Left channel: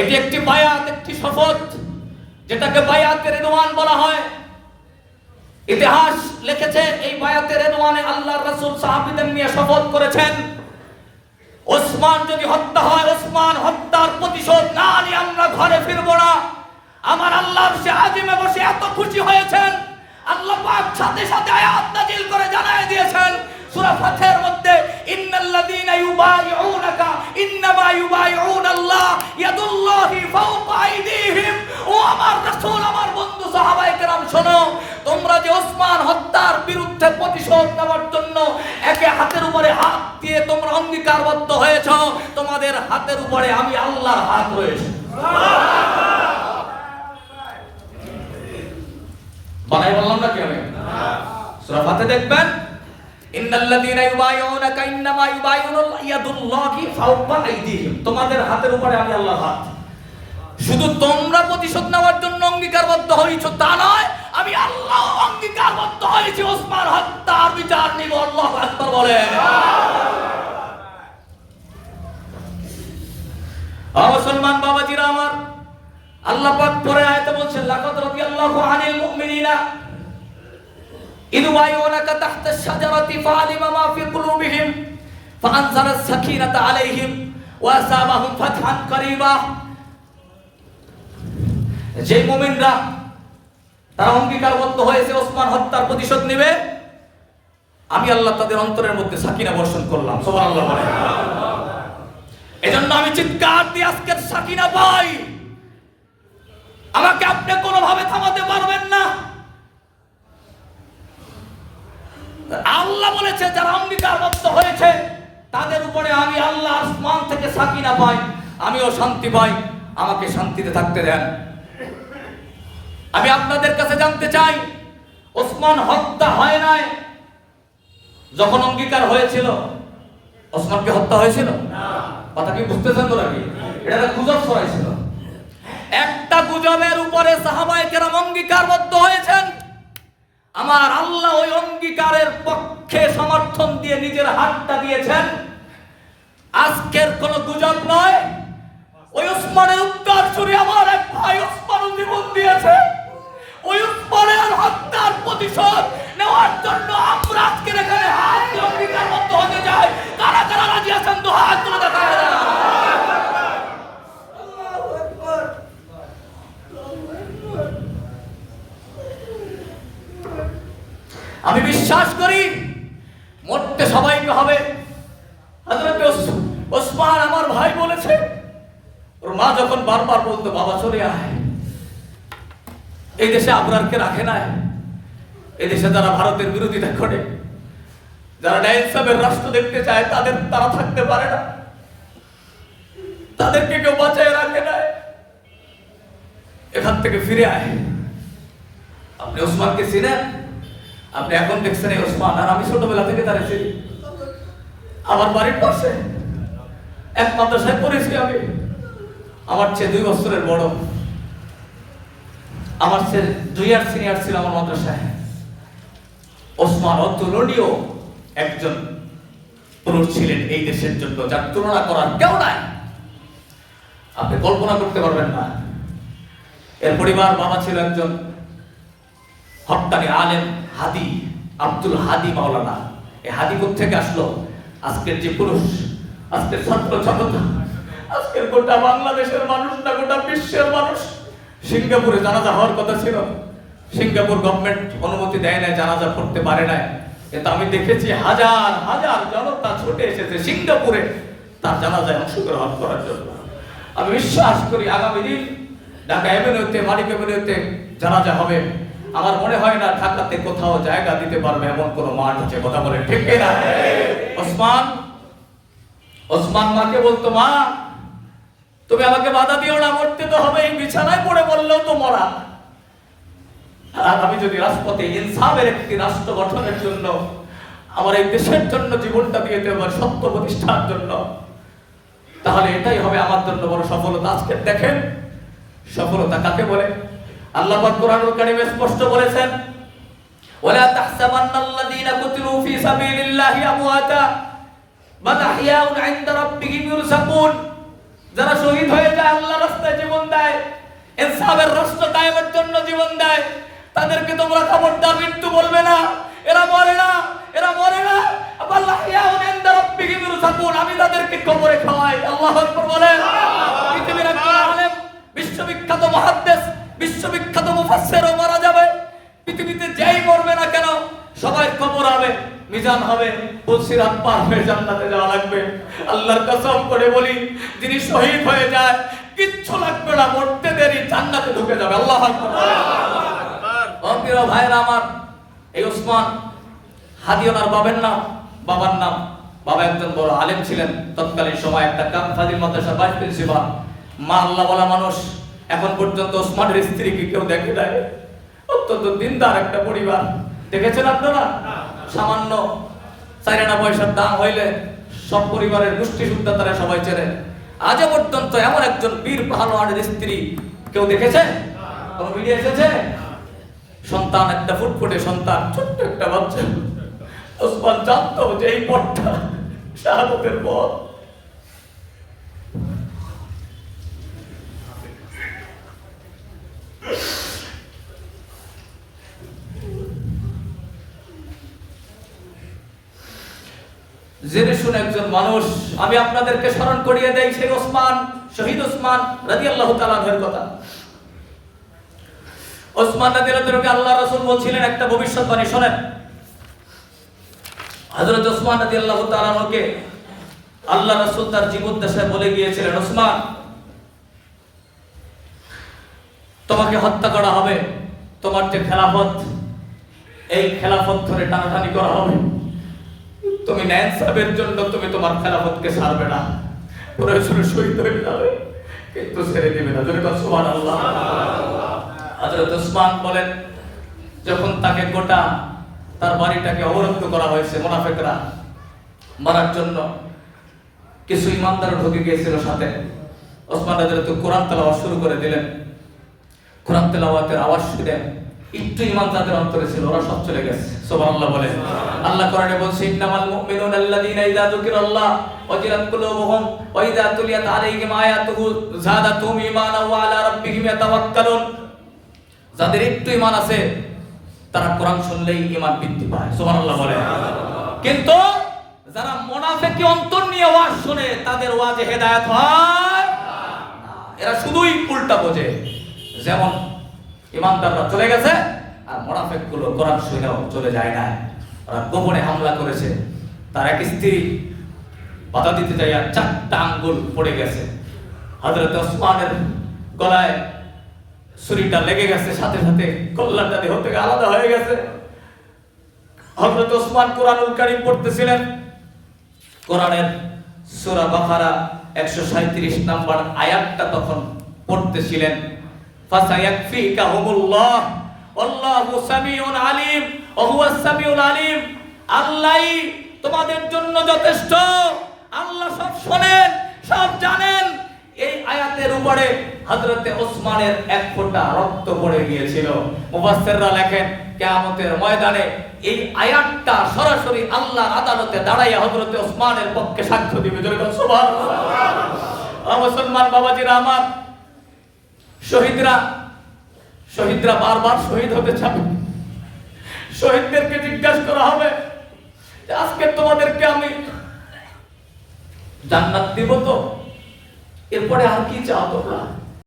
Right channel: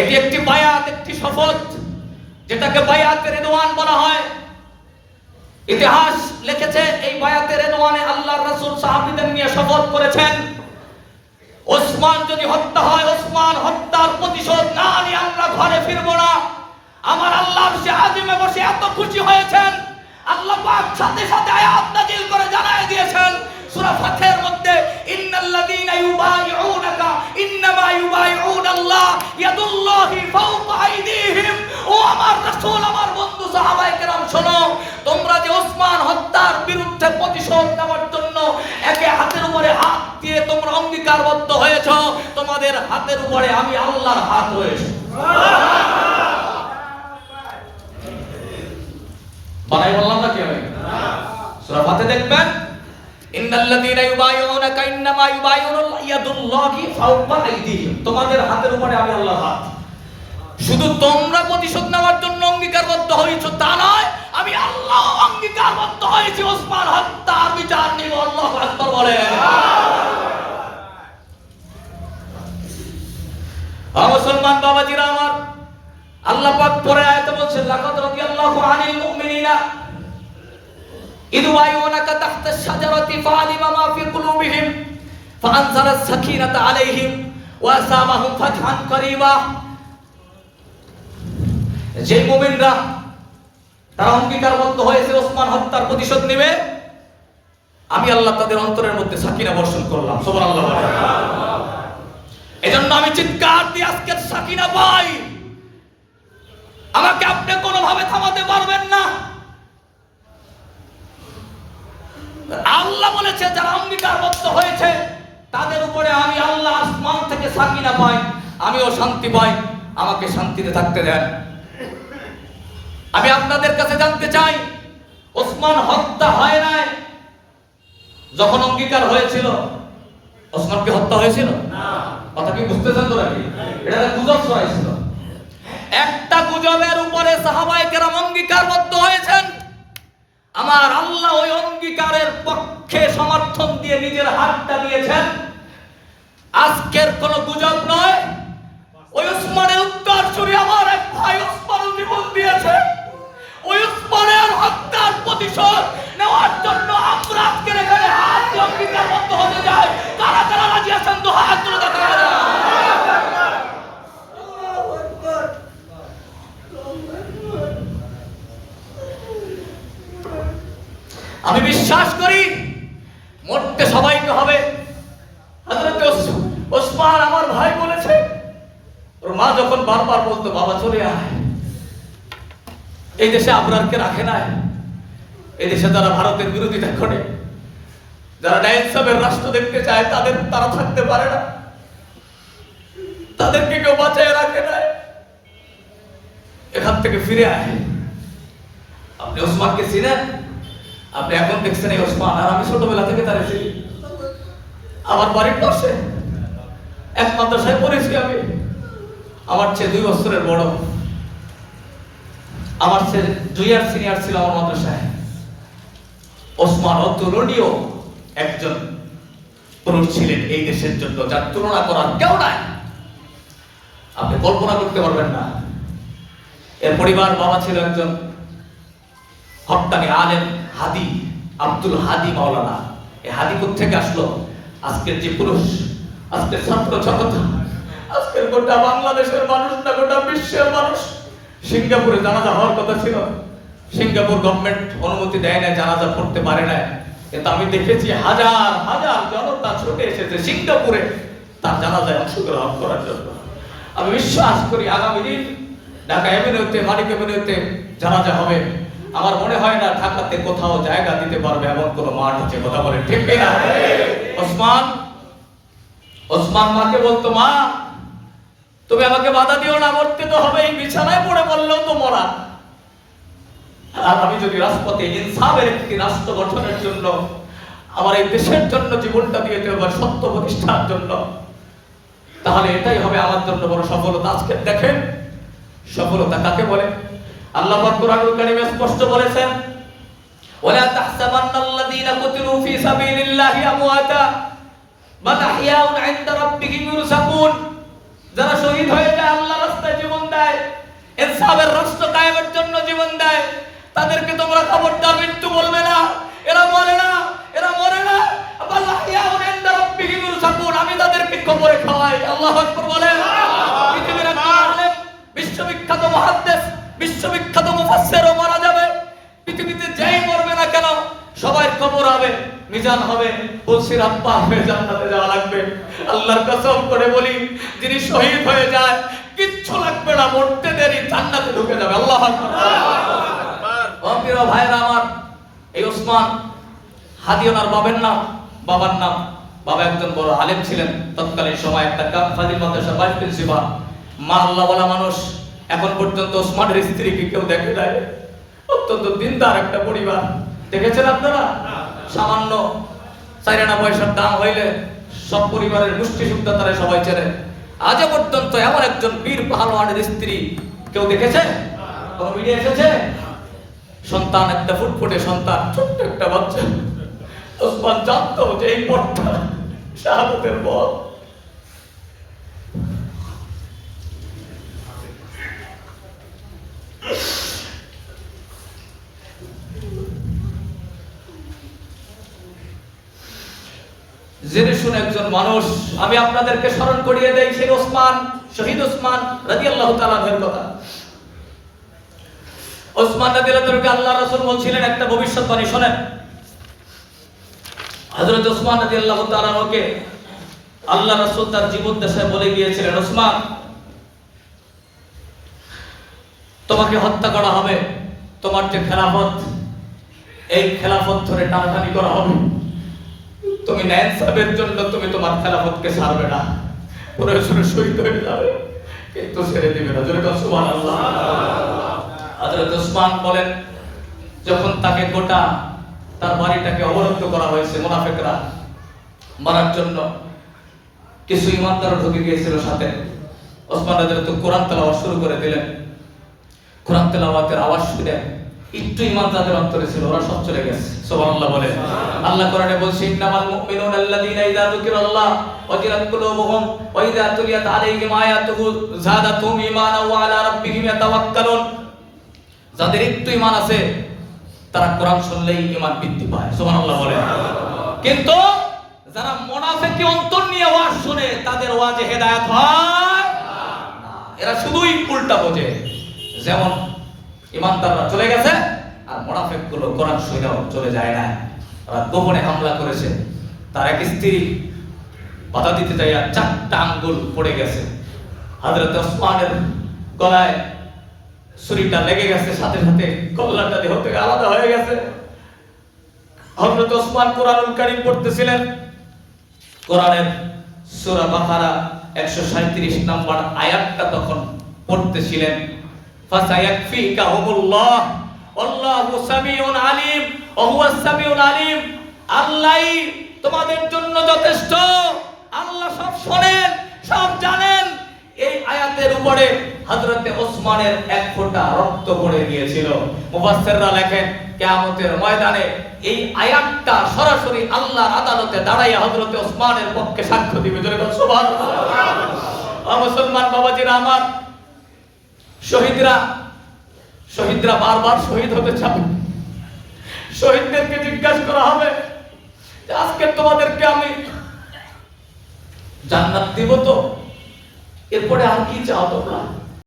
এটি একটি বায়াত, একটি শপথ, যেটাকে বায়াতে রিদওয়ান বলা হয়। ইতিহাস লিখেছে এই বায়াতে রিদওয়ানে আল্লাহর রাসূল সাহাবীদের নিয়ে শপথ করেছেন, ওসমান যদি হত্যা হয়, ওসমান হত্যার প্রতিশোধ না নিয়ে আমরা ঘরে ফিরবো না। আমার আল্লাহর সে আজিমে বসে এত খুশি হয়েছেন, আল্লাহ পাক সাথে সাথে আয়াত নাযিল করে জানায় দিয়েছেন সূরা ফাতহের মধ্যে, ইন্নাল্লাযীনা ইউবাইউনাকা ইন্নামা ইউবাইউনাল্লাহ ইয়াদুল্লাহি ফাওকা আইদিহিম। ও আমার রাসূল, আমার বন্ধু সাহাবায়ে কেরাম, শোনো, তোমরা যে ওসমান হত্যার বিরুদ্ধে প্রতিশোধ নেওয়ার জন্য একে হাতের উপরে হাত দিয়ে তোমরা অঙ্গীকারবদ্ধ হয়েছো, তোমাদের হাতের উপরে আমি আল্লাহর হাত রয়েছে। বানাই বললাম না কি আমি? সূরা ফাতহে দেখবেন, ইন্নাল্লাযীনা ইউবাইউনাকা ইন্নামা ইউবাইউনাল্লাহ ইয়াদুল্লাহি ফাওকা আইদিহিম। তোমাদের হাতের উপরে আমি আল্লাহর হাত। শুধু তোমরা প্রতিশোধ নেওয়ার জন্য অঙ্গীকারবদ্ধ হয়েছো তা নয়, আমি আল্লাহ অঙ্গীকারবদ্ধ হয়েছি ওসমান হত্যার বিচার নিব। আল্লাহু আকবার বলেন। মুসলমান বাবাজিরা আমার, আল্লাহ পাক পরে আয়াতে বলছেন, লাকাদ রাদিয়াল্লাহু আনিল মুমিনিনা ইয ইউবাইউনাকা তাহতা আশ-শাজারাতি ফাআলিমা মা ফি কুলুবিহিম ফাআনজালা আস-সাকিনাতা আলাইহিম ওয়া আসাবাহুম ফাতহান কারীবা। যে মুমিনরা তারা অঙ্গীকারবদ্ধ হয়েছে ওসমান হত্যার প্রতিশোধ নেবে, আমি আল্লাহ তাদের অন্তরের মধ্যে সাকিনা বর্ষণ করলাম। সুবহানাল্লাহ বলেন। এজন্য আমি চিৎকার দিয়ে আজকের সাকিনা পাই। আমাকে আপনি কোনোভাবে থামাতে পারবেন না। আল্লাহ বলেছে যারা অঙ্গীকারবদ্ধ হয়েছে তাদের উপরে আমি আল্লাহ আসমান থেকে সাকিনা পাই, আমিও শান্তি পাই। আমাকে শান্তিতে থাকতে দেন। আমি আপনাদের কাছে জানতে চাই, ওসমান হত্যা হয় নাই, যখন অঙ্গীকার হয়েছিল ওসমান কি হত্যা হয়েছিল? কথা কি বুঝতেছেন তো নাকি? এটা গুজব হয়েছিল। একটা গুজবের উপরে সাহাবায়ে কেরাম অঙ্গীকারবদ্ধ হয়েছেন। আমার আল্লাহ ওই অঙ্গীকারের পক্ষে সমর্থন দিয়ে নিজের হাতটা দিয়েছেন। আজকের কোন গুজব নয়। ওই ওসমানের উত্তরসূরি আমার এক ভাই ওসমান জীবন দিয়েছে। ওই ওসমানের হত্যার প্রতিশোধ নেওয়ার জন্য আমরা আজকে এখানে হাত দিয়ে অঙ্গীকারবদ্ধ হতে যাই। কারা কারা রাজি আছেন? তো হাত তুলে দেখাবেন। আমি বিশ্বাস করি মরতে সবাইকে হবে। হযরত ওসমান আমার ভাই বলেছে, ওর মা যখন বারবার বলতো বাবা চলে আয়, এই দেশে আবরারকে রাখে নাই। এই দেশে যারা ভারতের বিরোধিতা করে, যারা ন্যায় ইনসাফের রাষ্ট্র দেখতে চায়, তারা থাকতে পারে না, তাদেরকে কেউ বাঁচায় রাখে নাই। এখান থেকে ফিরে আয়। আপনি ওসমানকে চিনেন? আপনি এখন দেখছেন এই ওসমান, আর আমি ছোটবেলা থেকে তার এসে আমার বাড়ির পাশে এক মাদ্রাসায় পড়েছি আমি। আমার চেয়ে 2 বছরের বড়, আমার চেয়ে 2 ইয়ার সিনিয়র ছিল আমার মাদ্রাসায়। ওসমান অতুলনীয় একজন পুরুষ ছিলেন এই দেশের জন্য, যার তুলনা করার কেউ নাই। আপনি কল্পনা করতে পারবেন না। এর পরিবার বাবা ছিল একজন হক্কানি আলেম হাদি, আব্দুল হাদি মাওলানা। এই হাদি কোথেকে আসলো? আজকের যে পুরুষ, আজকের ছাত্র জগৎ, আজকের গোটা বাংলাদেশের মানুষ না, গোটা বিশ্বের মানুষ। সিঙ্গাপুরে জানাজা হওয়ার কথা ছিল, সিঙ্গাপুর গভর্নমেন্ট অনুমতি দেয় না, জানাজা পড়তে পারে না। কিন্তু আমি দেখেছি হাজার হাজার জনতা ছুটে এসেছে সিঙ্গাপুরে তার জানাজায় অংশগ্রহণ করার জন্য। আমি বিশ্বাস করি আগামী দিন ঢাকা এভিনিউতে, মানিক এভিনিউতে জানাজা হবে। আমার মনে হয় না ঢাকাতে কোথাও জায়গা দিতে পারবে এমন কোন মাঠ আছে। কথা বলে ঠিক না? ওসমান মাকে বলতো, মা তুমি আমাকে বাধা দিও না, মরতে তো হবে, এই বিছানায় পড়ে বললেও তো মরা। আর আমি যদি রাজপথে ইনসাফের একটি রাষ্ট্র গঠনের জন্য, আমার এই দেশের জন্য জীবনটা দিয়ে দেব, সত্য প্রতিষ্ঠার জন্য, তাহলে এটাই হবে আমার জন্য বড় সফলতা। আজকে দেখেন সফলতা কাকে বলে। আল্লাহ পাক কোরআনুল কারীমে স্পষ্ট বলেছেন, ওয়ালা তাহসাবান্নাল্লাযীনা কুতিলু ফী সাবিলিল্লাহি আমওয়াতা বাল আহইয়াউন ইনদা রাব্বিহিম ইরসাকুন। যারা শহীদ হয়ে যায় আল্লাহর রাস্তায় দেয়, ইনসাফের রাষ্ট্র কায়েমের জন্য জীবন দেয়, তাদেরকে তোমরা খবরদার মৃত্যু বলবে না। এরা মরে না, এরা মরে না। আমি তাদেরকে কবরে খাওয়াই। আল্লাহু আকবার বলেন। পৃথিবীর একজন আলেম, বিশ্ববিখ্যাত মুহাদ্দিস, বিশ্ববিখ্যাত মুফাসসিরও মারা যাবে। পৃথিবীতে যেই মরবে না কেন সবাই কবর হবে, মিজান হবে, পুলসিরাত পার হয়ে জান্নাতে যাওয়া লাগবে। আল্লাহর কসম করে বলি, যিনি শহীদ হয়ে যায় কিচ্ছু লাগবে না, মরতে দেরি জান্নাতে ঢুকে যাবে। আল্লাহু আকবার। প্রিয় ভাইরা আমার, এই ওসমান হাদি ওনার বাবার নাম। বাবা একজন বড় আলেম ছিলেন, তৎকালীন সময় একটা ফাজিল মাদ্রাসার ভাইস প্রিন্সিপাল। মা আল্লাহওয়ালা মানুষ। এখন পর্যন্ত ওসমানের স্ত্রীকে কেউ দেখে নাই। অত্যন্ত দিনদার একটা পরিবার। দেখেছেন আপনারা? সামান্য 4 আনা পয়সার দাম হইলে সব পরিবারের গোষ্ঠী সুদ্ধা তারা সবাই চেনে। আজ পর্যন্ত এমন একজন বীর পাহলওয়ানের স্ত্রী কেউ দেখেছে? কোনো মিডিয়া এসেছে? সন্তান, একটা ফুটফুটে সন্তান, ছোট্ট একটা বাচ্চা। ওসমান জানতো যে এই পথটা শাহাদাতের পথ। জেনে শুনে একজন মানুষ, আমি আপনাদেরকে স্মরণ করিয়ে দেই সেই ওসমান, শহীদ ওসমান রাদিয়াল্লাহু তাআলা আনহুর কথা। ওসমান রাদিয়াল্লাহু তাআলা আল্লাহ রাসূল বলছিলেন একটা ভবিষ্যৎবাণী, শুনেন। হযরত ওসমান রাদিয়াল্লাহু তাআলা আনহুকে আল্লাহ রাসূল তার জীবদ্দশায় বলে গিয়েছিলেন, ওসমান তোমাকে হত্যা করা হবে, তোমার যে খেলাফত, এই খেলাফত ধরে টানাটানি করা হবে, তুমি ন্যায়সাবের জন্য তুমি তোমার খেলাফতকে ছাড়বে না, প্রয়োজনে শহীদ হয়ে যাবে, কিন্তু ছেড়ে দিবে না। জোরে বলুন সুবহানাল্লাহ। হযরত ওসমান বলেন, যখন তাকে গোটা তার বাড়িটাকে অবরুদ্ধ করা হয়েছে মুনাফিকরা মারার জন্য, কিছু ইমানদার ঢুকে গিয়েছিল সাথে। ওসমান রাদিয়াল্লাহু তাআলা কোরআন তেলাওয়াত শুরু করে দিলেন। কোরআন তেলাওয়াতের আওয়াজ শুনে একটু ঈমান যাদের অন্তরে ছিল ওরা সব চলে গেছে। সুবহানাল্লাহ বলেন। আল্লাহ কোরআনে বলছে, ইন্নামাল মুমিনুনা আল্লাযীনা ইযা যুকিরাল্লাহ ওয়াজিলাত কুলুবুহুম ওয়া ইযা তুলিয়াত আলাইহিম আয়াতুহু যাদাতুহুম ঈমানান ওয়া আলা রাব্বিহিম ইয়াতাওয়াক্কালুন। যাদের একটু ঈমান আছে তারা কোরআন শুনলেই ঈমান বৃদ্ধি পায়। সুবহানাল্লাহ বলেন। কিন্তু যারা মুনাফিকি অন্তর নিয়ে ওয়াজ শুনে তাদের ওয়াজে হেদায়েত হয় না। এরা শুধুই উল্টা বোঝে। যেমন ইমানদাররা চলে গেছে আর মুনাফিকগুলো কোরআন শুনেও চলে যায় না। ওরা গোপনে হামলা করেছে। তার এক স্ত্রী বাধা দিতে যাইয়া 4টা আঙ্গুল পড়ে গেছে। হযরত ওসমানের গলায় ছুরিটা লেগে গেছে, সাথে সাথে কল্লাটা দেহ থেকে আলাদা হয়ে গেছে। হযরত ওসমান কোরআনুল কারীম পড়তেছিলেন। কোরআনের সূরা বাকারা 137 নম্বর আয়াতটা তখন পড়তেছিলেন। ফাসায়াকফিকাহুমুল্লাহ আল্লাহু সামিউন আলিম ওয়া হুয়াস সামিউল আলিম। আল্লাহই তোমাদের জন্য যথেষ্ট, আল্লাহ সব শোনেন, সব জানেন। এই আয়াতের উপরে হযরতে ওসমানের এক ফোঁটা রক্ত পড়ে গিয়েছিল। মুফাসসিররা লেখেন কিয়ামতের ময়দানে এই আয়াতটা সরাসরি আল্লাহর আদালতে দাঁড়াইয়া হযরতে ওসমানের পক্ষে সাক্ষ্য দিবে। জোরে বলুন সুবহানাল্লাহ। মুসলমান বাবাজিরা আমার, শহীদরা বারবার শহীদ হতে চাবে। শহীদদেরকে জিজ্ঞাসা করা হবে, আজকে তোমাদেরকে আমি জান্নাত দিব তো, এরপরে আর কি চাও তোমরা?